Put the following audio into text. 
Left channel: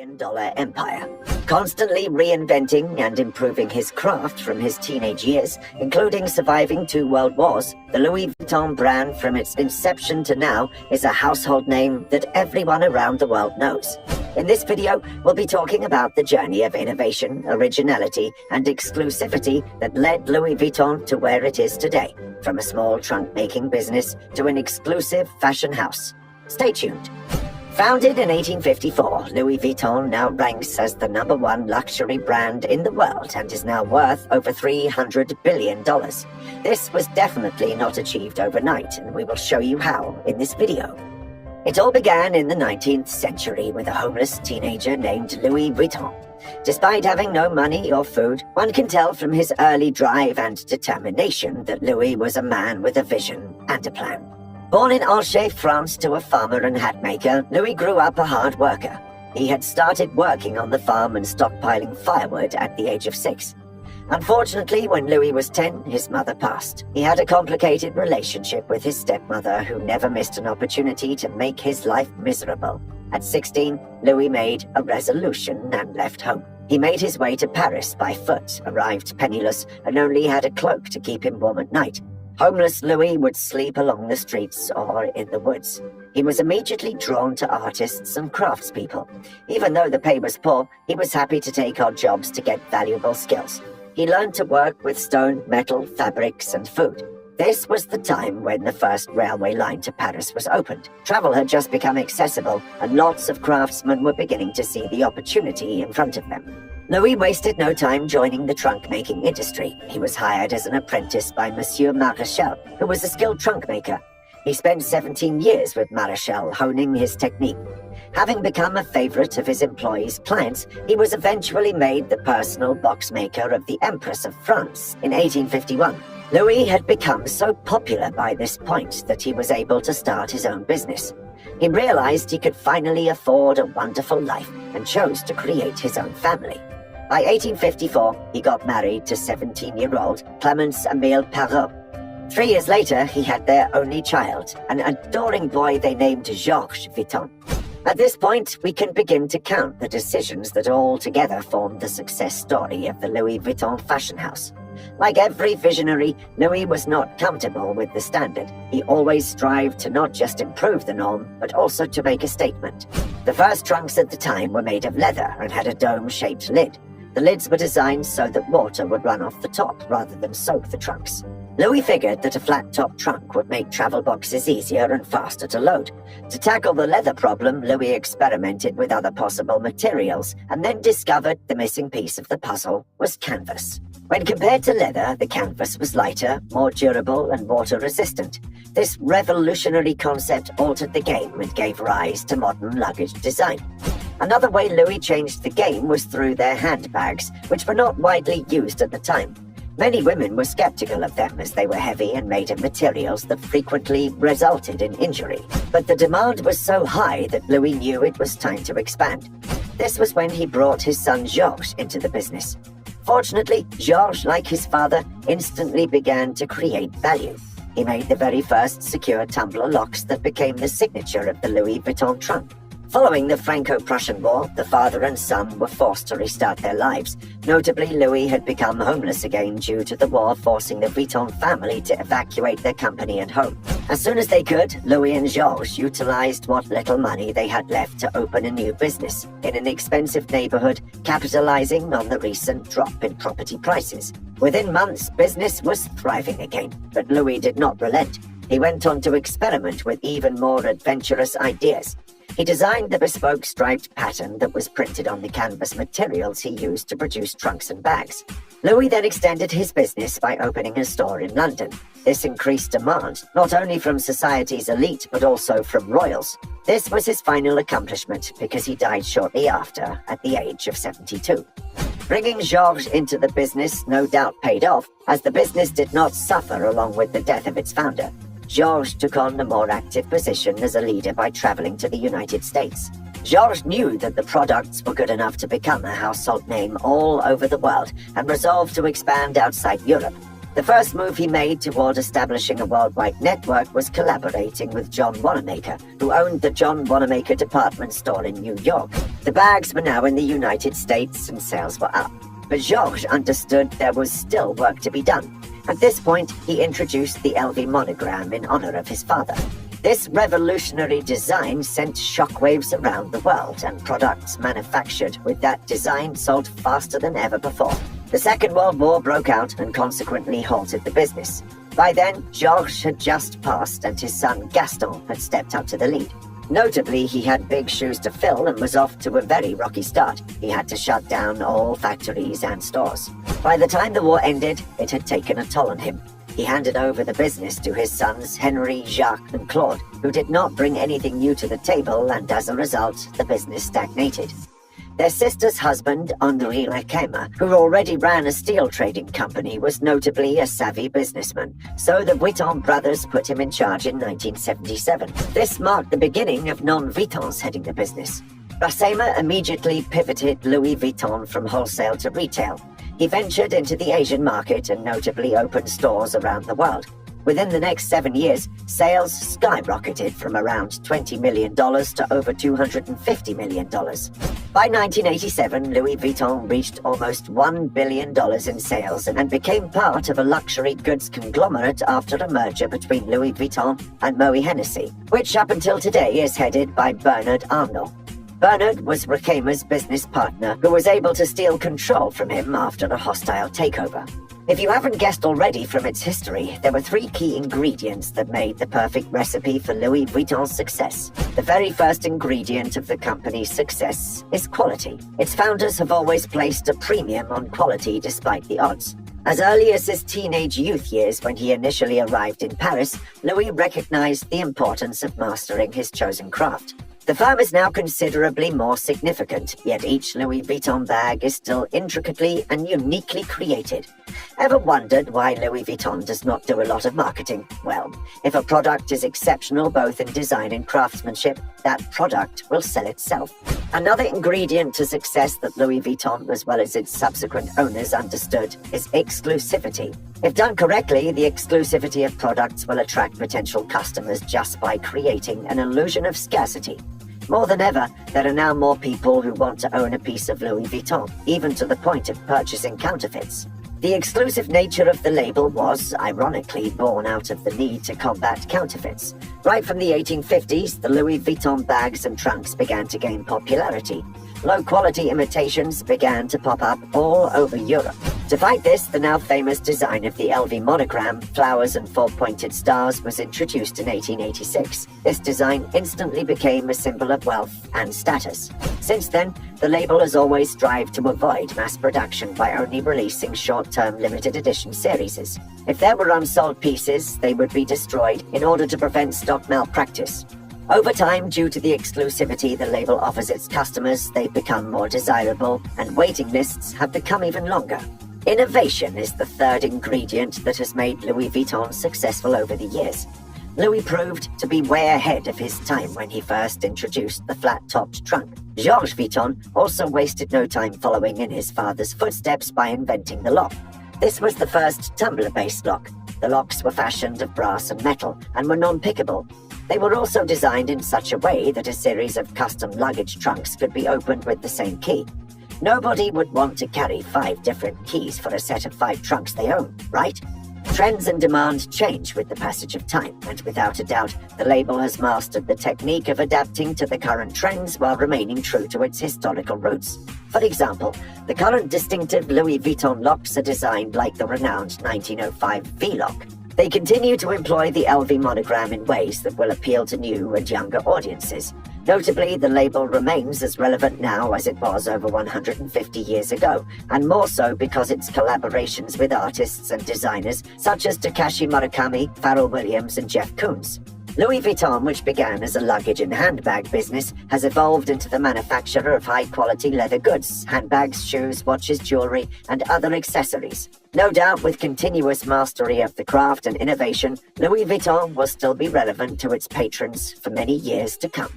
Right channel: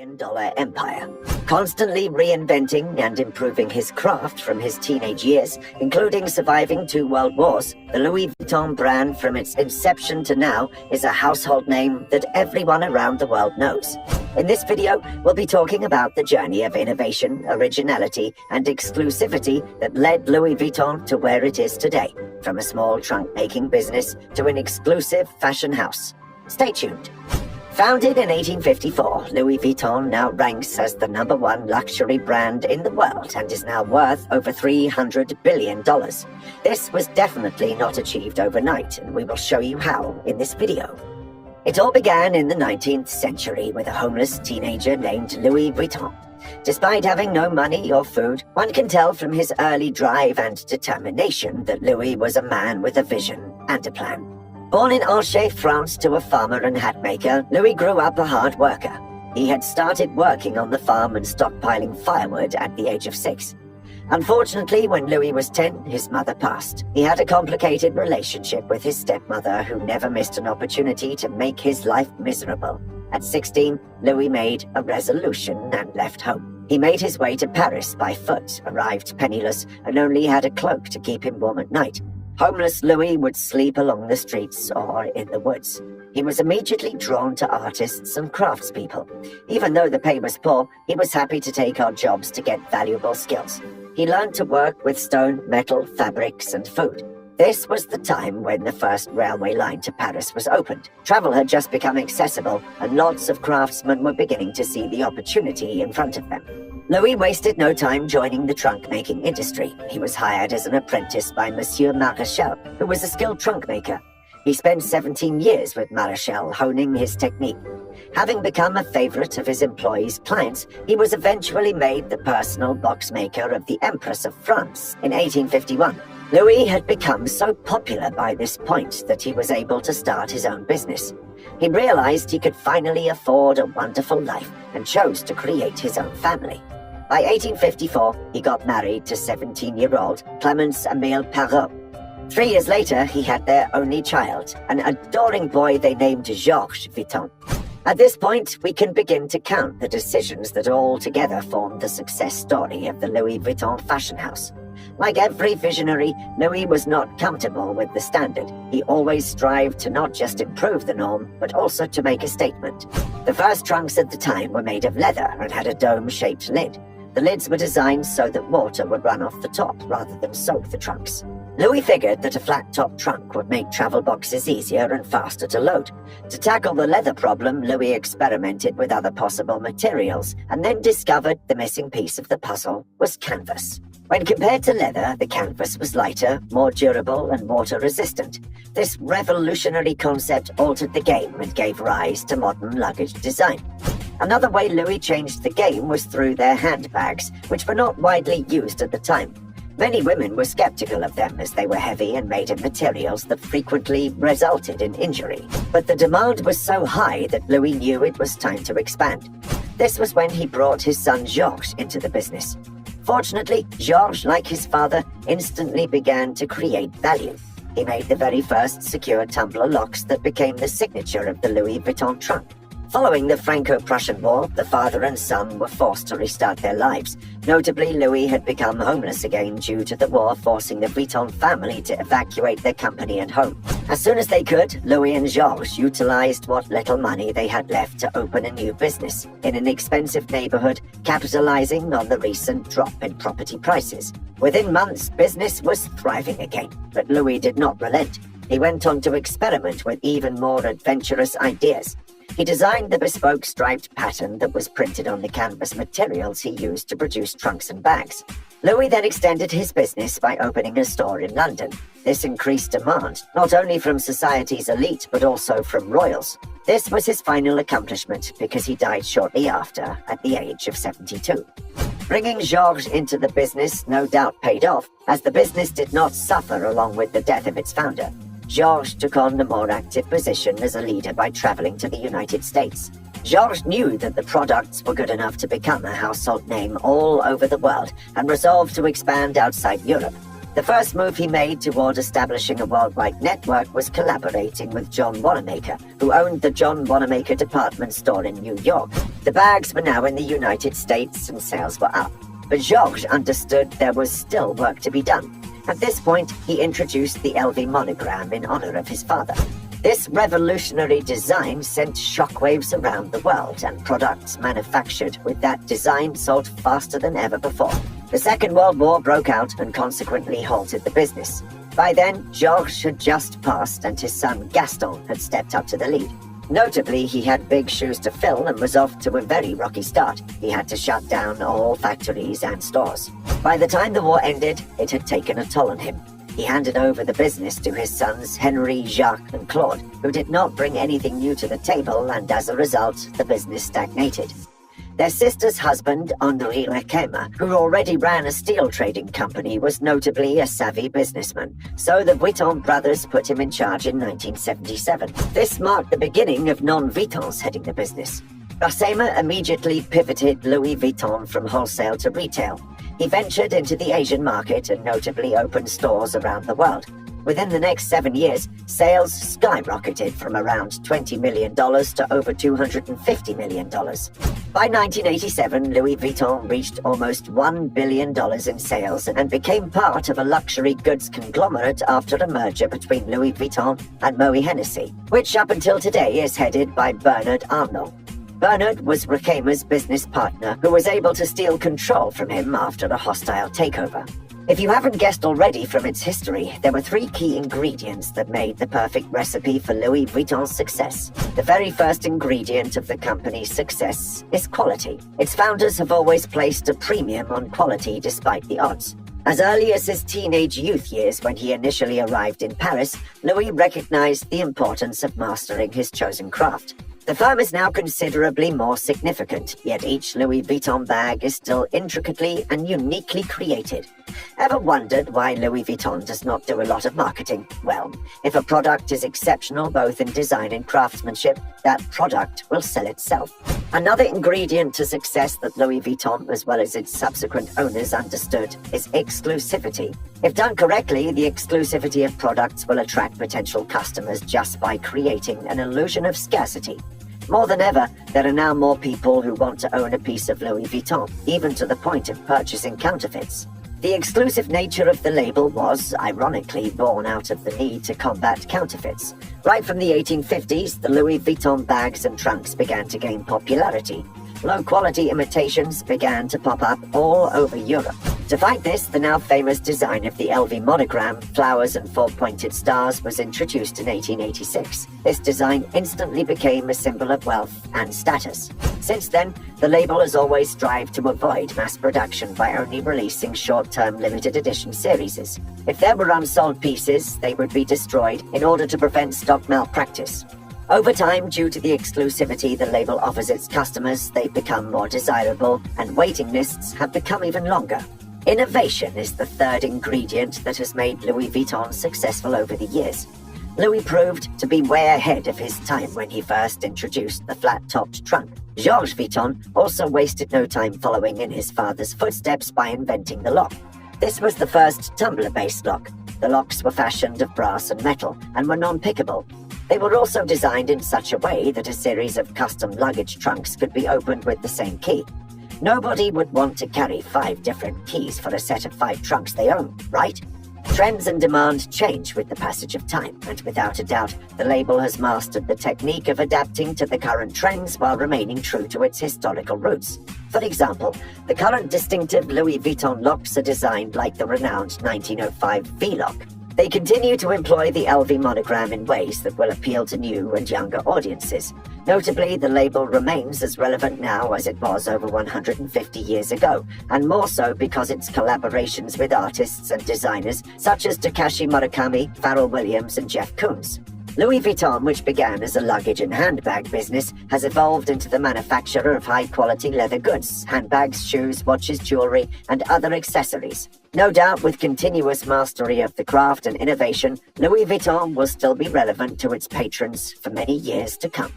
$1 empire, constantly reinventing and improving his craft from his teenage years, including surviving 2 world wars. The Louis Vuitton brand, from its inception to now, is a household name that everyone around the world knows. In this video, we'll be talking about the journey of innovation, originality, and exclusivity that led Louis Vuitton to where it is today, from a small trunk-making business to an exclusive fashion house. Stay tuned. Founded in 1854, Louis Vuitton now ranks as the #1 luxury brand in the world and is now worth over $300 billion. This was definitely not achieved overnight, and we will show you how in this video. It all began in the 19th century with a homeless teenager named Louis Vuitton. Despite having no money or food, one can tell from his early drive and determination that Louis was a man with a vision and a plan. Born in Angers, France, to a farmer and hat maker, Louis grew up a hard worker. He had started working on the farm and stockpiling firewood at the age of 6. Unfortunately, when Louis was 10, his mother passed. He had a complicated relationship with his stepmother, who never missed an opportunity to make his life miserable. At 16, Louis made a resolution and left home. He made his way to Paris by foot, arrived penniless, and only had a cloak to keep him warm at night. Homeless Louis would sleep along the streets or in the woods. He was immediately drawn to artists and craftspeople. Even though the pay was poor, he was happy to take odd jobs to get valuable skills. He learned to work with stone, metal, fabrics, and food. This was the time when the first railway line to Paris was opened. Travel had just become accessible, and lots of craftsmen were beginning to see the opportunity in front of them. Louis wasted no time joining the trunk-making industry. He was hired as an apprentice by Monsieur Marechal, who was a skilled trunk maker. He spent 17 years with Marechal, honing his technique. Having become a favorite of his employees' clients, he was eventually made the personal box maker of the Empress of France in 1851. Louis had become so popular by this point that he was able to start his own business. He realized he could finally afford a wonderful life and chose to create his own family. By 1854, he got married to 17-year-old Clemence Emile Parrot. 3 years later, he had their only child, an adoring boy they named Georges Vuitton. At this point, we can begin to count the decisions that all together formed the success story of the Louis Vuitton fashion house. Like every visionary, Louis was not comfortable with the standard. He always strived to not just improve the norm, but also to make a statement. The first trunks at the time were made of leather and had a dome-shaped lid. The lids were designed so that water would run off the top rather than soak the trunks. Louis figured that a flat-top trunk would make travel boxes easier and faster to load. To tackle the leather problem, Louis experimented with other possible materials and then discovered the missing piece of the puzzle was canvas. When compared to leather, the canvas was lighter, more durable, and water-resistant. This revolutionary concept altered the game and gave rise to modern luggage design. Another way Louis changed the game was through their handbags, which were not widely used at the time. Many women were skeptical of them as they were heavy and made of materials that frequently resulted in injury. But the demand was so high that Louis knew it was time to expand. This was when he brought his son Georges into the business. Fortunately, Georges, like his father, instantly began to create value. He made the very first secure tumbler locks that became the signature of the Louis Vuitton trunk. Following the Franco-Prussian War, the father and son were forced to restart their lives. Notably, Louis had become homeless again due to the war, forcing the Vuitton family to evacuate their company and home. As soon as they could, Louis and Georges utilized what little money they had left to open a new business in an expensive neighborhood, capitalizing on the recent drop in property prices. Within months, business was thriving again, but Louis did not relent. He went on to experiment with even more adventurous ideas. He designed the bespoke striped pattern that was printed on the canvas materials he used to produce trunks and bags. Louis then extended his business by opening a store in London. This increased demand, not only from society's elite, but also from royals. This was his final accomplishment because he died shortly after, at the age of 72. Bringing Georges into the business no doubt paid off, as the business did not suffer along with the death of its founder. Georges took on a more active position as a leader by traveling to the United States. Georges knew that the products were good enough to become a household name all over the world and resolved to expand outside Europe. The first move he made toward establishing a worldwide network was collaborating with John Wanamaker, who owned the John Wanamaker department store in New York. The bags were now in the United States and sales were up. But Georges understood there was still work to be done. At this point, he introduced the LV monogram in honor of his father. This revolutionary design sent shockwaves around the world, and products manufactured with that design sold faster than ever before. The Second World War broke out and consequently halted the business. By then, Georges had just passed and his son Gaston had stepped up to the lead. Notably, he had big shoes to fill and was off to a very rocky start. He had to shut down all factories and stores. By the time the war ended, it had taken a toll on him. He handed over the business to his sons Henry, Jacques, and Claude, who did not bring anything new to the table, and as a result, the business stagnated. Their sister's husband, Henri Lequesme, who already ran a steel trading company, was notably a savvy businessman, so the Vuitton brothers put him in charge in 1977. This marked the beginning of non-Vuittons heading the business. Lequesme immediately pivoted Louis Vuitton from wholesale to retail. He ventured into the Asian market and notably opened stores around the world. Within the next 7 years, sales skyrocketed from around $20 million to over $250 million. By 1987, Louis Vuitton reached almost $1 billion in sales and became part of a luxury goods conglomerate after a merger between Louis Vuitton and Moët Hennessy, which up until today is headed by Bernard Arnault. Bernard was Lequesme's business partner, who was able to steal control from him after a hostile takeover. If you haven't guessed already from its history, there were 3 key ingredients that made the perfect recipe for Louis Vuitton's success. The very first ingredient of the company's success is quality. Its founders have always placed a premium on quality despite the odds. As early as his teenage youth years, when he initially arrived in Paris, Louis recognized the importance of mastering his chosen craft. The firm is now considerably more significant, yet each Louis Vuitton bag is still intricately and uniquely created. Ever wondered why Louis Vuitton does not do a lot of marketing? Well, if a product is exceptional both in design and craftsmanship, that product will sell itself. Another ingredient to success that Louis Vuitton, as well as its subsequent owners, understood is exclusivity. If done correctly, the exclusivity of products will attract potential customers just by creating an illusion of scarcity. More than ever, there are now more people who want to own a piece of Louis Vuitton, even to the point of purchasing counterfeits. The exclusive nature of the label was, ironically, born out of the need to combat counterfeits. Right from the 1850s, the Louis Vuitton bags and trunks began to gain popularity. Low-quality imitations began to pop up all over Europe. To fight this, the now famous design of the LV monogram, flowers and 4-pointed stars, was introduced in 1886. This design instantly became a symbol of wealth and status. Since then, the label has always strived to avoid mass production by only releasing short-term limited edition series. If there were unsold pieces, they would be destroyed in order to prevent stock malpractice. Over time, due to the exclusivity the label offers its customers, they've become more desirable, and waiting lists have become even longer. Innovation is the third ingredient that has made Louis Vuitton successful over the years. Louis proved to be way ahead of his time when he first introduced the flat-topped trunk. Georges Vuitton also wasted no time following in his father's footsteps by inventing the lock. This was the first tumbler-based lock. The locks were fashioned of brass and metal and were non-pickable. They were also designed in such a way that a series of custom luggage trunks could be opened with the same key. Nobody would want to carry 5 different keys for a set of 5 trunks they own, right? Trends and demand change with the passage of time, and without a doubt, the label has mastered the technique of adapting to the current trends while remaining true to its historical roots. For example, the current distinctive Louis Vuitton locks are designed like the renowned 1905 V-lock. They continue to employ the LV monogram in ways that will appeal to new and younger audiences. Notably, the label remains as relevant now as it was over 150 years ago, and more so because its collaborations with artists and designers such as Takashi Murakami, Pharrell Williams, and Jeff Koons. Louis Vuitton, which began as a luggage and handbag business, has evolved into the manufacturer of high-quality leather goods, handbags, shoes, watches, jewelry, and other accessories. No doubt, with continuous mastery of the craft and innovation, Louis Vuitton will still be relevant to its patrons for many years to come.